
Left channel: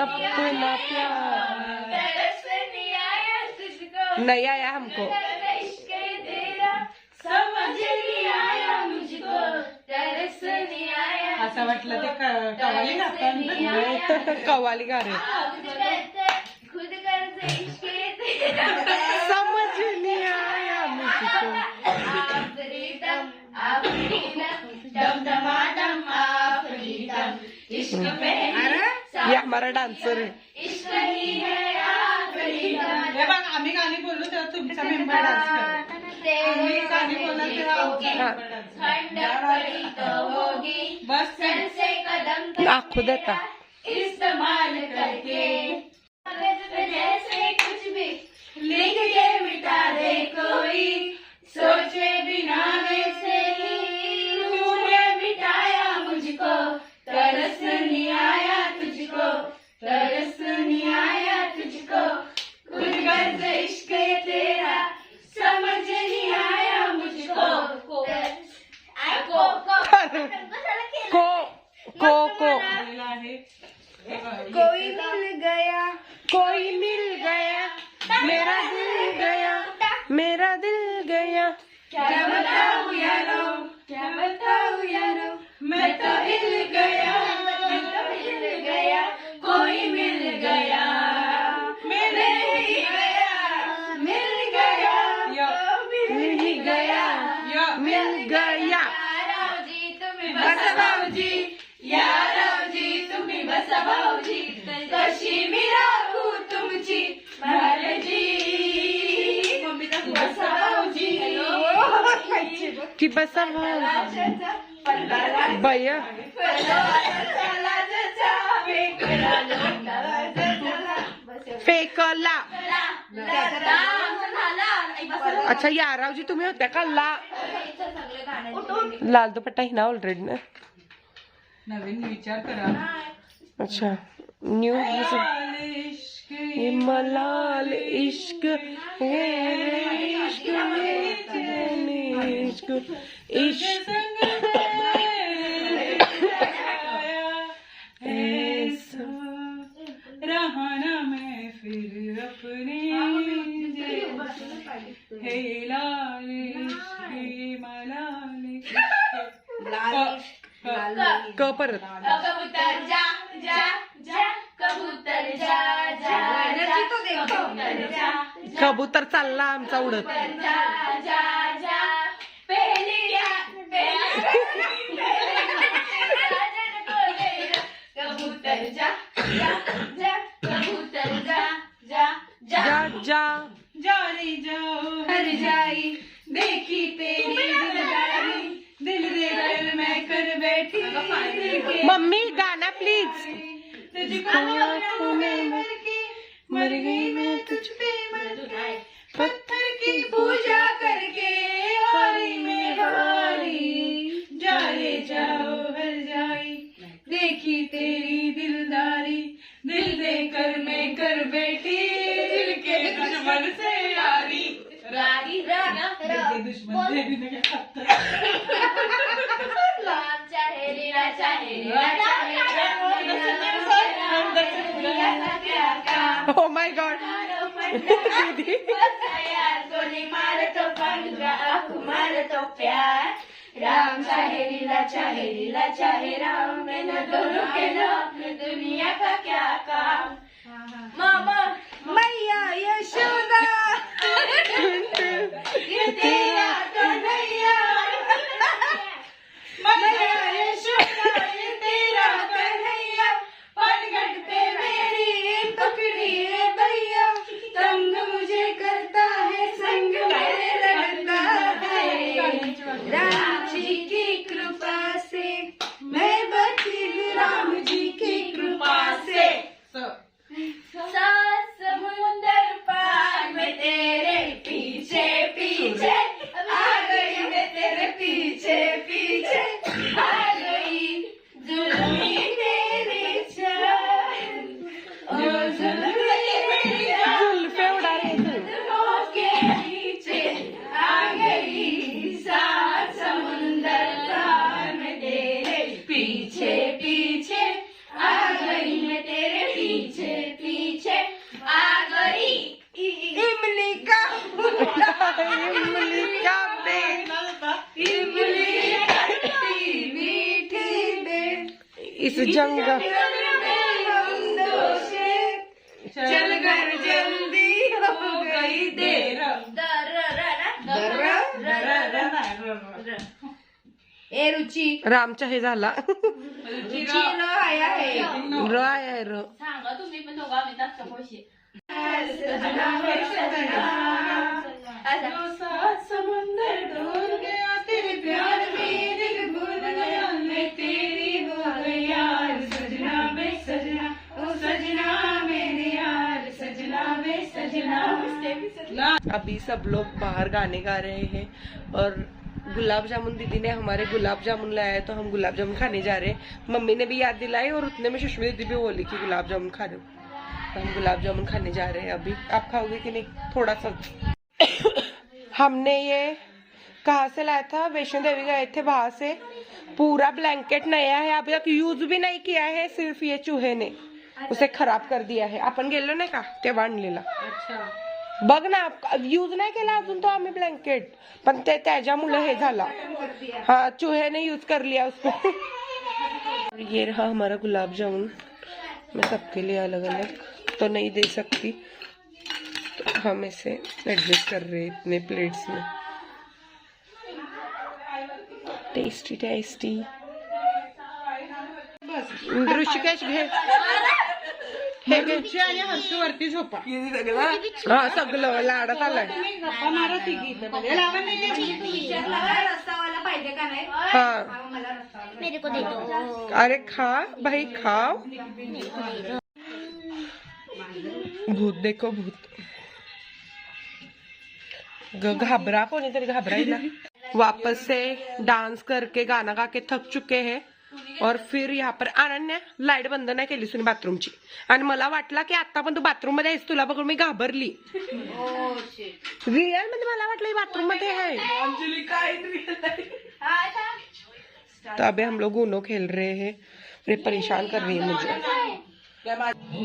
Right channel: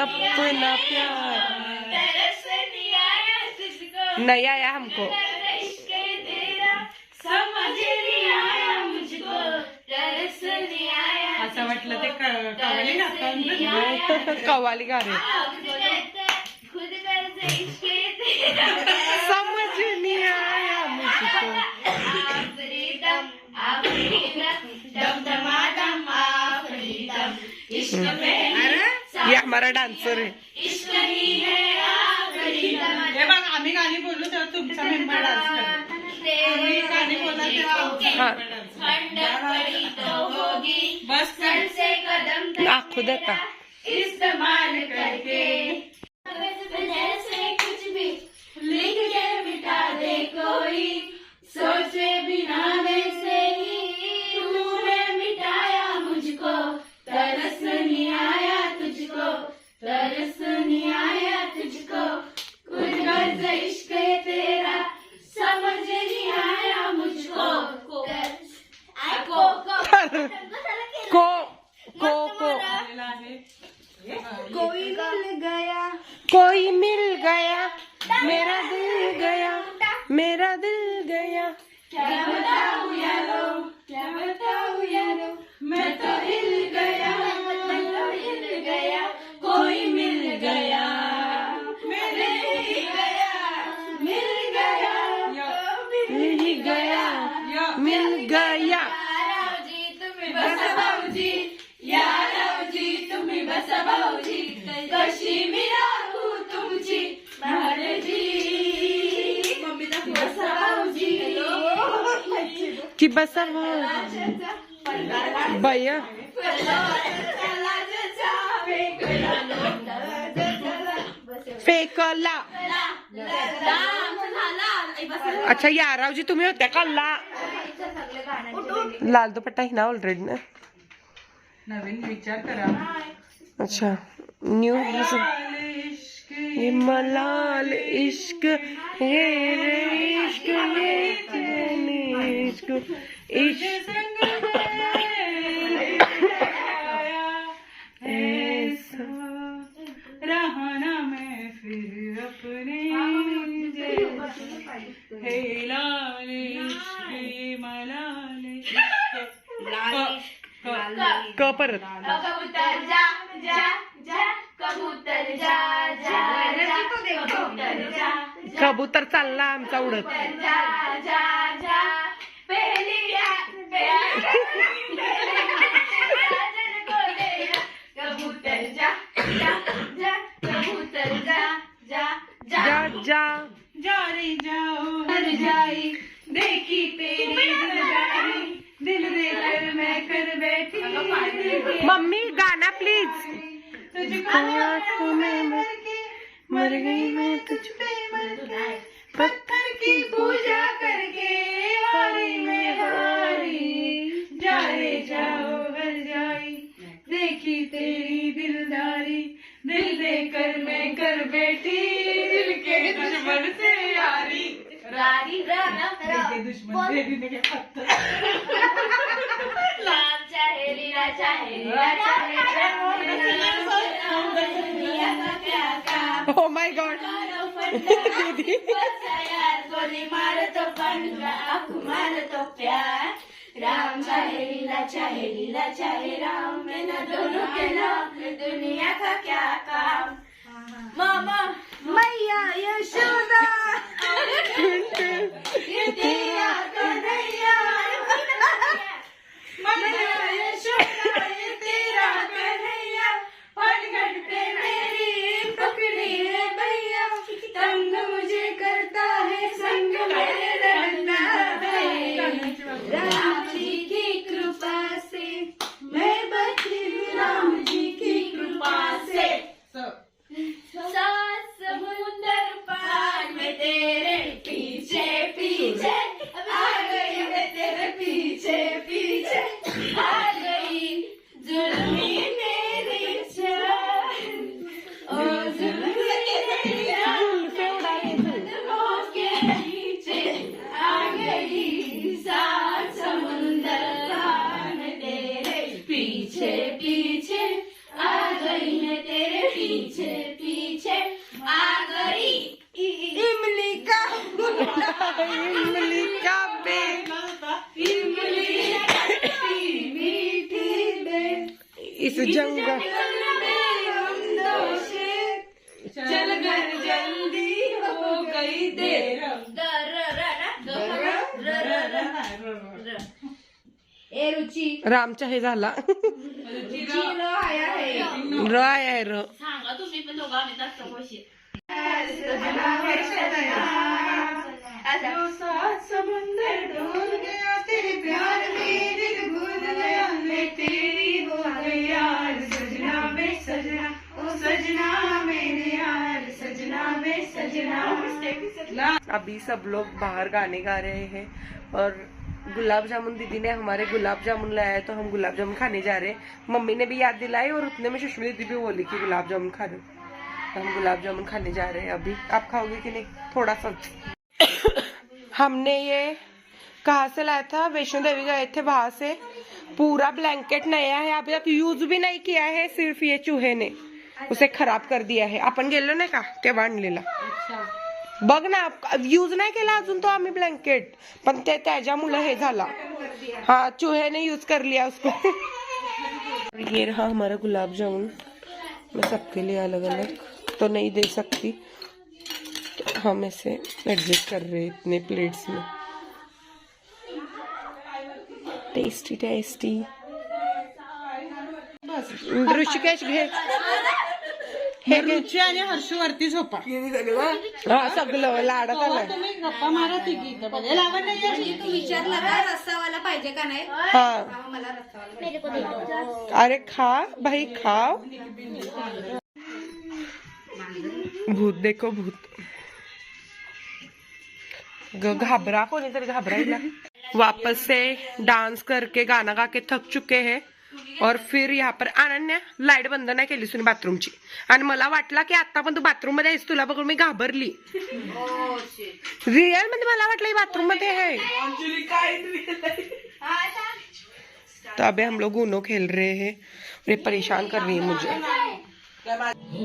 अपना प्यार नहीं आया हमको. असं वाटलं ते कवाली गातात. कव्वाली गा रहे. समझ नहीं आया मुझको. ये हमारा डान्सर है. हे बघ, आम्ही गाणी बोलू तेव्हा तुमचा मेंबर डान्स करेल. आम्ही गाणी बोला तेव्हा हाँ बस कर. दाखवू देता. इस्तेमाल करके जैसे कुछ भी लिख के मिटा दे कोई, सोचे बिना वैसे ही तूने मिटाया मुझको, तरस नहीं आया तुझको, तरस नहीं आया तुझको, कुछ गर्ज इश्क है तेरा समझ नहीं आया मुझको. को आलेला आहे. कोई मिल गया मेरा दिल गया, मेरा दिल गया. क्या बताऊं यारो, क्या बताऊं यारो, मैं तो हिल गया, मैं तो हिल गया, कोई मिल गया, मिल ही गया, मिल गया, मिल गया, मिल गया. भाऊजी तुम्ही बसा भाऊजी, यारावजी तुम्ही बसा भाऊजी, कशी मी राहू तुमची महाराजी. बसा भाऊजी, की बसा भैया. फेकला. अच्छा यारावजी तुम्ही होत्या का? लाल दुपट्टा ही ना ऑलरेडी ना. नवीन विचार करा. अच्छा न्यू ये मलाल इश्क है रे इश्क है तेरे इश्क इश्क ऐसा रहना मैं फिर अपने हे लाल इश्क मलाल क परत. कबूतर जा जा जा, कबूतर जा जा जा, कबूतर जा कबूतर चालला आमचा उडत. जा जा जा, पहली कबूतर जा जा जा, कबूतर जा जा जा जा जा जारी जाओ हर जाई, देखी तेरी दिलदारी, दिल देकर मैं कर बैठी. मम्मी गाना प्लीज. तुझको आँखों में मर गई मैं तुझ पे पत्थर की पूजा करके हारी में हारी, जाए जाओ हर जाई, देखी तेरी दिलदारी, दिल देकर मैं कर बैठी, दिल के दुश्मन से यारी. रारी दिल के दुश्मन से भी नहीं पत्थर. राम चाहे लीला चाहे लीला चाहे ओ माय गॉड. दीदी कोणी मारतो पांढरा आख मारतो प्यार, राम चाहे लीला चाहे राम, मैंने दोनों के नाम में दुनिया का क्या काम. मामा मैया यशोदा ये तेरा कन्हैया, मैया यशोदा ये तेरा कन्हैया, पलगट पे मेरी पकड़ी है भैया, तंग मुझे करता है संग मेरे रंगा है, राम जी की कृपा से मैं बची हूँ, राम जी की कृपा से. सात समुंदर पार में तेरे पीछे पीछे आ गई, मैं तेरे पीछे पीछे आ गई, जुल्मी मेरी जान, ओ जुल्मी मेरी जान, जुल्फे उड़ा रहे थे. कदमों के नीचे आ गई, सात समुंदर पार में तेरे पीछे पीछे आ गई, मैं तेरे पीछे पीछे आ गई. इमली का इमली का बेल, इमली खट्टी मीठी दे, इस जंगल चल घर जल्दी हो गई देर. ए रुची रामचा हे झाला रुची ल आया है र आहे र सांगा तुम्ही पण दोघा आम्ही जास्त पैसे समुंदर डूब गया तेरे प्यार में दिल भूल गया मैं तेरी हो गया सजना में सजना ओ सजना मेरे यार सजना में सजना। अभी सब लोग बाहर गाने गा रहे हैं और गुलाब जामुन दीदी ने हमारे गुलाब जामुन लाया है तो हम गुलाब जामुन खाने जा रहे हैं। मम्मी ने भी याद दिलाई और उतने में सुष्मिता दीदी भी बोली कि गुलाब जामुन खा रहे हो, तो हम गुलाब जामुन खाने जा रहे हैं। अभी आप खाओगे कि नहीं? थोड़ा सा हमने ये कहाँ से लाया था? वैष्णो देवी गए थे, वहां से पूरा ब्लैंकेट नया है, अभी तक यूज भी नहीं किया है, सिर्फ ये चूहे ने उसे खराब कर दिया है। आपण गेलो नाही का तेव्हा आणलेला, बघ ना, यूज नाही केला अजून तो आम्ही ब्लँकेट, पण ते त्याच्यामुळे हे झाला। हाँ, चूहे ने यूज कर लिया उसको। ये रहा हमारा गुलाब जामुन, मैं सबके लिए अलग अलग तो नहीं दे सकती, तो हम इसे एडजस्ट कर रहे हैं इतने प्लेट्स में। Tasty tasty. ऋषिकेश घे हे घे। हर्षवरती झोपा हा, सगळं लाडात आलाय। गप्पा मारा ती गीत लावा नाही रस्सावाला पाहिजे का नाही? हाँ, मला रस्सावाला अरे खा भाई, खाओ। भूत देखो, भूत घबरा, कोणीतरी घबरायला। वापस से डांस करके गाना गा के थक चुके हैं और फिर यहाँ पर अनन्या लाईट बंद नाही केली सुनी बाथरूमची, आणि मला वाटला की आता पण तू बाथरूम मध्ये आहेस, तुला बघून मी घाबरली। रिअल मध्ये मला वाटलं बाथरूम मध्ये है। तो अभी हम लोग ऊनो खेल रहे हैं और ये परेशान कर रही है मुझे।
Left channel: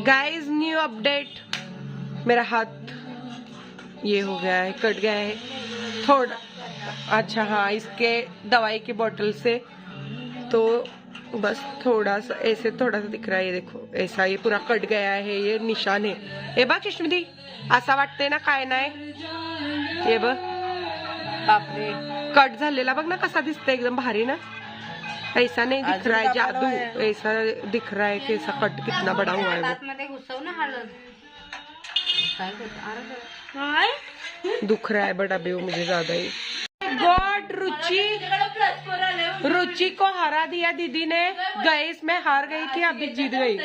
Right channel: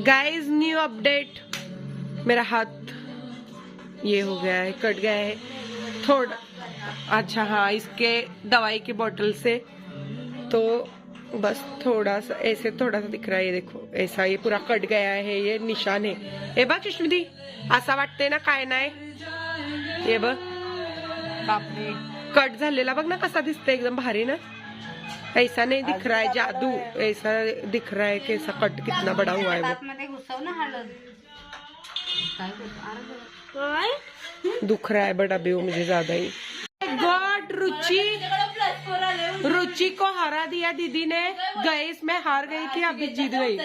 गाइस, न्यू अपडेट, मेरा हाथ ये हो गया है, कट गया है थोड़ा। अच्छा हाँ, इसके दवाई की बोतल से तो बस थोड़ा सा ऐसे थोड़ा सा दिख रहा है, ये देखो ऐसा, ये पूरा कट गया है, ये निशान है। हे बघ सुष्मिती, असा वाटतंय ना काय नाही, हे बघ, बापरे, कट झालेला बघ ना कसा दिसतंय, एकदम भारी ना। ऐसा नहीं दिख रहा है जादू, ऐसा दिख रहा है कि ऐसा कट कितना बड़ा हुआ है वो। घुसव ना हळद दुख रहा है बट अभी वो मुझे ज्यादा ही। गॉड, रुचि को हरा दिया दीदी ने। गए इसमें हार गई थी, अभी जीत गई।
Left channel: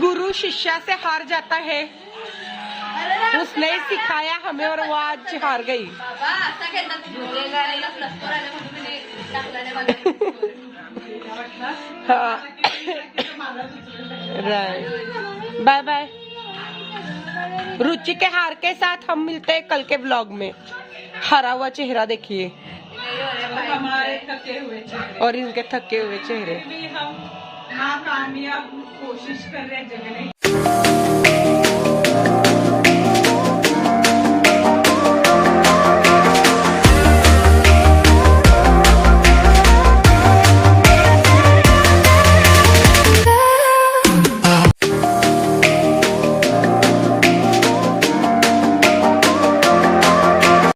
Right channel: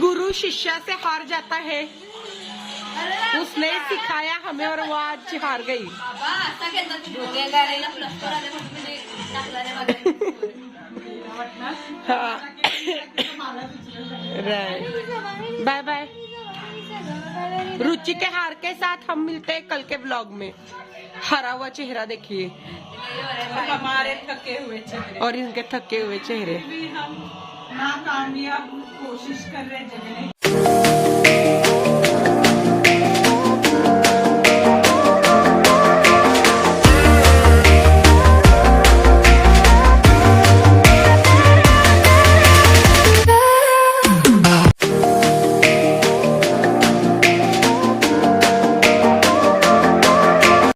गुरु शिष्या से हार जाता है, उसने सिखाया हमें और वो आज हार गई। हाँ, राइट, बाय बाय। रुचि के हार के साथ हम मिलते हैं कल के व्लॉग में। हरा हुआ चेहरा देखिए हमारे थके हुए चेहरे और इनके थके हुए चेहरे। नाकामयाब कोशिश कर रहे हैं जगने